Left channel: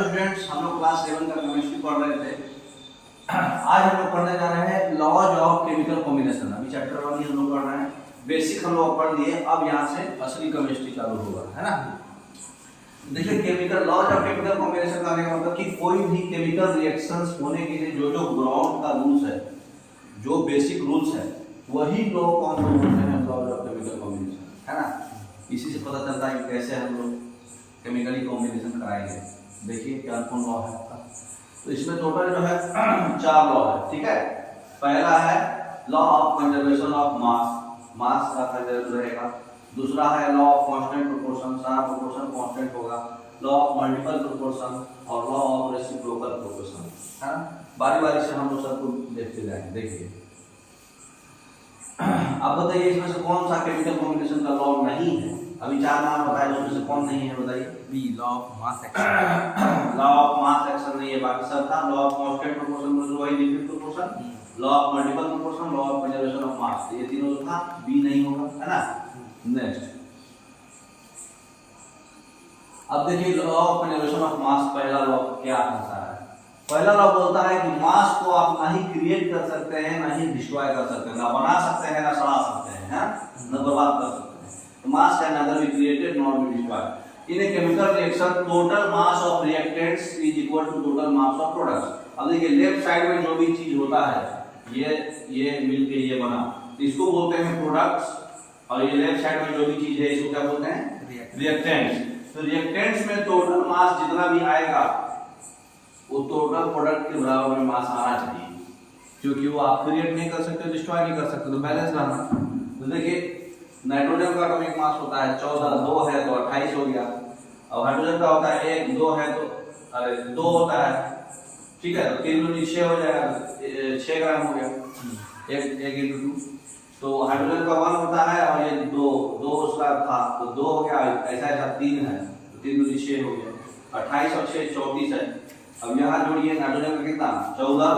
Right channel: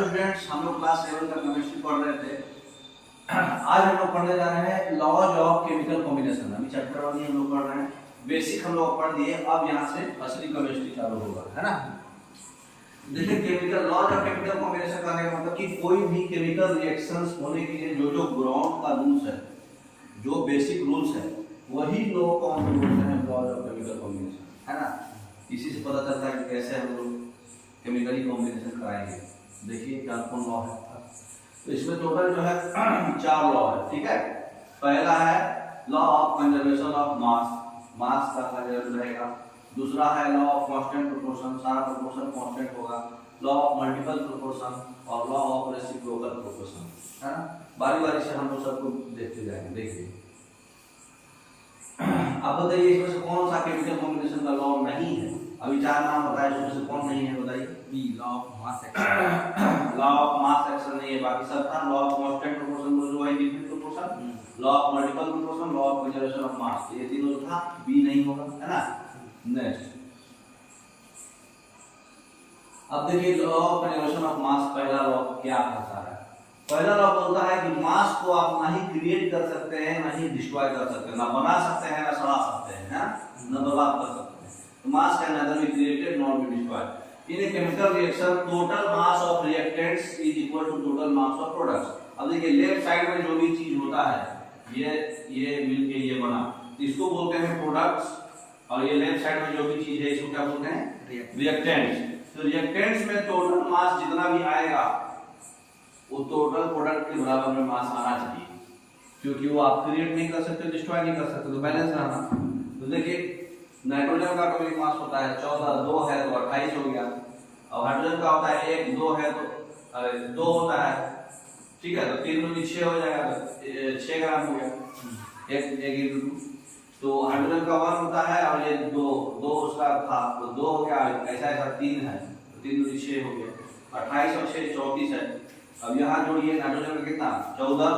Hello students, हम लोग class 7 का केमिस्ट्री पढ़ रहे थे। आज हम लोग पढ़ने जा रहे हैं लॉज ऑफ केमिकल कॉम्बिनेशन। अभी चैप्टर 1 ही हम लोग पढ़ रहे हैं, बेसिक हम लोग पढ़ लिए। अब यहाँ से असली केमिस्ट्री चालू होगा, है ना। देखिए, chemical laws of chemical combination का मतलब कि कोई भी केमिकल रिएक्शंस होने के लिए जो जो ग्राउंड का रूल्स है, जो बेसिक रूल्स है, वही लॉ को हम लोग बोलते हैं लॉज ऑफ केमिकल कॉम्बिनेशन, है ना। इसी से पता चलता है कि कैसे हम लोग केमिकली कॉम्बिनेशन कराएंगे। देखिए क्या कौन लॉ है आपका। तो इसमें टोटल जो है 4 लॉ है, ठीक है। पहला है law of conservation of mass, mass का कंजर्व रहेगा। दूसरा है लॉ ऑफ कांस्टेंट प्रोपोर्शन, सारा प्रोपोर्शन कांस्टेंट होगा। लॉ ऑफ मल्टीपल प्रोपोर्शन और लॉ ऑफ रेसिप्रोकल प्रोपोर्शन, है ना। बारी बारी से हम लोग सबको देखते जाएंगे। देखिए, अब बताइए इसमें से कौन सा केमिकल कॉम्बिनेशन का लॉ नहीं है। अभी 4 नाम बताए, उसमें से कौन नहीं है बताइए। B law of mass action. Law of mass action नहीं है, बाकी सब था। लॉ ऑफ कांस्टेंट प्रोपोर्शन मतलब वही different proportion, law of multiple proportion, law of conservation of मास, ये तीनों जो था बी नहीं होगा, है ना। नेक्स्ट, अब देखिए लॉ ऑफ कंजर्वेशन ऑफ मास, पहला लॉ क्या कहता है। पहला लॉ बोलता है कि मास को आप ना ही क्रिएट कर सकते हैं, ना ही डिस्ट्रॉय कर सकते हैं, ना बना सकते हैं, ना सड़ा सकते हैं, ना बर्बाद कर सकते हैं। तो मास can neither be created nor be destroyed in a chemical reaction. Total mass of reactants is equal to total mass of products. अब देखिए लेफ्ट साइड में जो भी चीज होता है, ये मिलके ये बना, तो इसको बोलते हैं प्रोडक्ट्स। और ये लेफ्ट साइड में जो भी चीज है, इसको क्या बोलते हैं, रिएक्टेंट्स। तो रिएक्टेंट्स में टोटल मास जितना भी आएगा वो टोटल प्रोडक्ट के बराबर में मास आना चाहिए, क्योंकि वो आप क्रिएट नहीं कर सकते, डिस्ट्रॉय नहीं कर सकते, तो बैलेंस रहना। तो देखिए नाइट्रोजन का एटॉमिक मास होता है 14, 2 है तो 28 हो गया। और हाइड्रोजन का होता है 1, 2 है तो 2 होता है, ठीक है। तो 3 दूनी 6 हो जाएगा, 6 ग्राम हो गया। 1 into 2, तो हाइड्रोजन का 1 होता है और ये 2 उसका था, तो 2 हो गया। ऐसा 3 है तो 3 दूनी 6 हो गया। 28 और 6 34 है। अब यहाँ जोड़िए, नाइट्रोजन का कितना 14,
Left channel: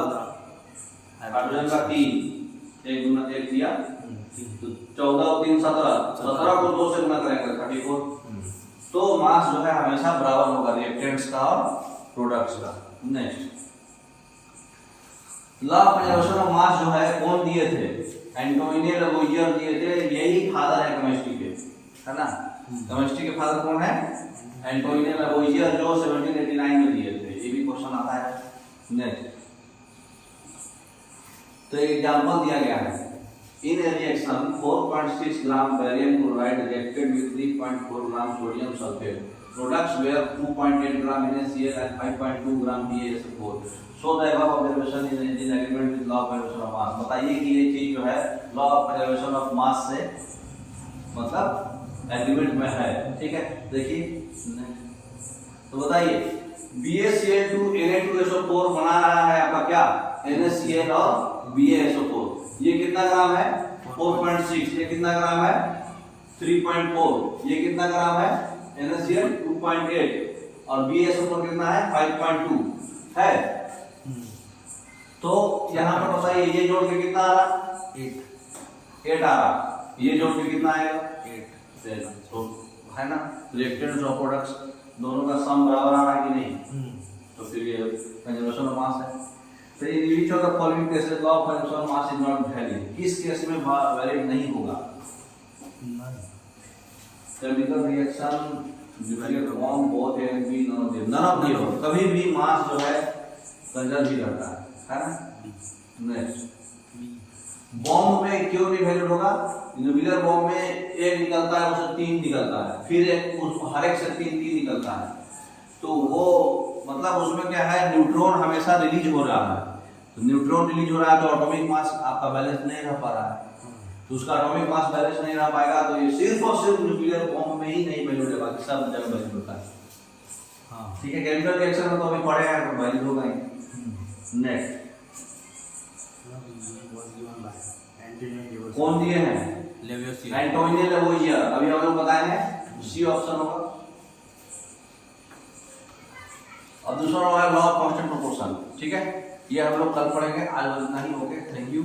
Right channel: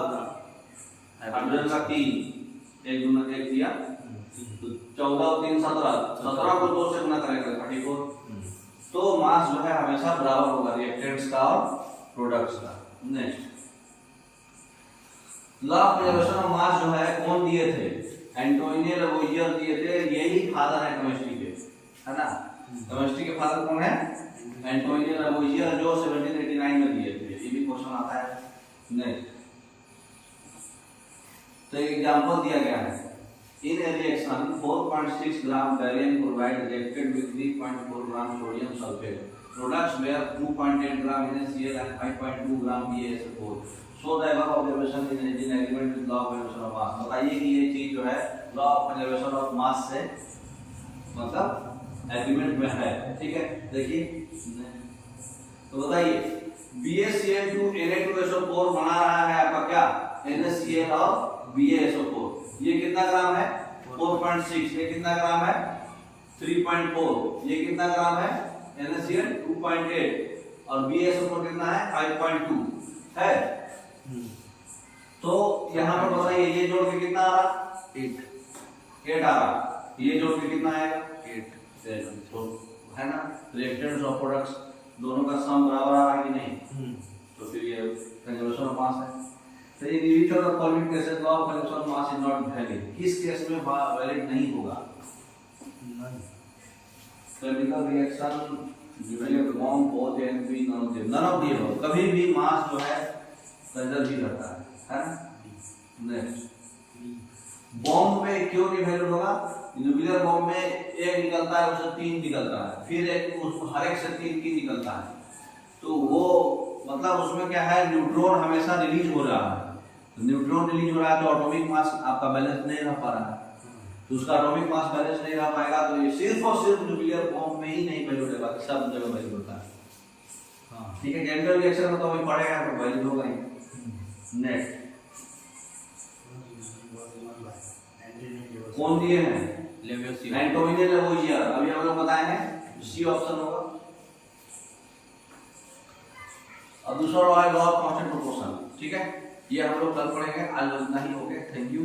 हाइड्रोजन का 3, 1 दूना 1 दिया, तो 14 और 3 17, 17 को 2 से गुना करेंगे 34। तो मास जो है हमेशा बराबर होगा रिएक्टेंट्स का और प्रोडक्ट्स का। Next, law of conservation of मास जो है कौन दिए थे, एंटोनियो लवोइजियर दिए थे। यही फादर है केमिस्ट्री के, है ना। केमिस्ट्री के फादर कौन है, एंटोनियो लवोइजियर, जो 1789 में दिए थे। ये भी क्वेश्चन आता है। नेक्स्ट, तो एग्जांपल दिया गया है। In a reaction, 4.6 gram barium chloride reacted with 3.4 gram sodium sulfate. Products were 2.8 gram NaCl and 5.2 gram BaSO4. So the above observation is in agreement with law of conservation of mass. बताइए कि ये चीज जो है law of conservation of mass से मतलब agreement में है, ठीक है। देखिए, तो बताइए BaCl2 Na2SO4 बना रहा है आपका क्या, NaCl और BaSO4। ये कितना ग्राम है 4.6, ये कितना ग्राम है 3.4, ये कितना ग्राम है NaCl 2.8 और BaSO4 कितना है 5.2 है। तो यहाँ पे बताइए ये जोड़ के कितना आ रहा, 8 आ रहा। ये जोड़ के कितना आएगा 8, तो है ना। रिएक्टेंट्स और प्रोडक्ट्स दोनों का सम बराबर आ रहा है कि नहीं, तो फिर ये कंजर्वेशन ऑफ मास है। तो in which of the following cases law of conservation of mass is not valid, किस केस में वैलिड नहीं होगा। Chemical reaction, nuclear bomb, both and B, none of them, कभी भी मास जो है कंजर्व ही रहता है ना। नेक्स्ट, बॉम्ब में क्यों नहीं वैलिड होगा, न्यूक्लियर बॉम्ब में 1 निकलता है, उससे 3 निकलता है, फिर हर एक से 3 निकलता है। तो वो मतलब उसमें क्या है, न्यूट्रॉन हमेशा रिलीज हो रहा है। तो न्यूट्रॉन रिलीज हो रहा है तो एटॉमिक मास आपका बैलेंस नहीं रह पा रहा है, तो उसका एटॉमिक मास बैलेंस नहीं रह पाएगा। तो ये सिर्फ और सिर्फ न्यूक्लियर बॉम्ब में ही नहीं वैल्यू होगा, सब जगह वैल्यू होता है। हाँ, ठीक है। केमिकल रिएक्शन में तो अभी पढ़ेगा तो वैल्यू होगा ही। नेक्स्ट, कौन दिए हैं, एंटोनियो लवोइजियर। अभी हम लोग बताए हैं, सी ऑप्शन होगा। अब दूसरा है लॉ ऑफ कांस्टेंट प्रोपोर्शन, ठीक है। ये हम लोग कल पढ़ेंगे, आज इतना ही हो गया। Thank you.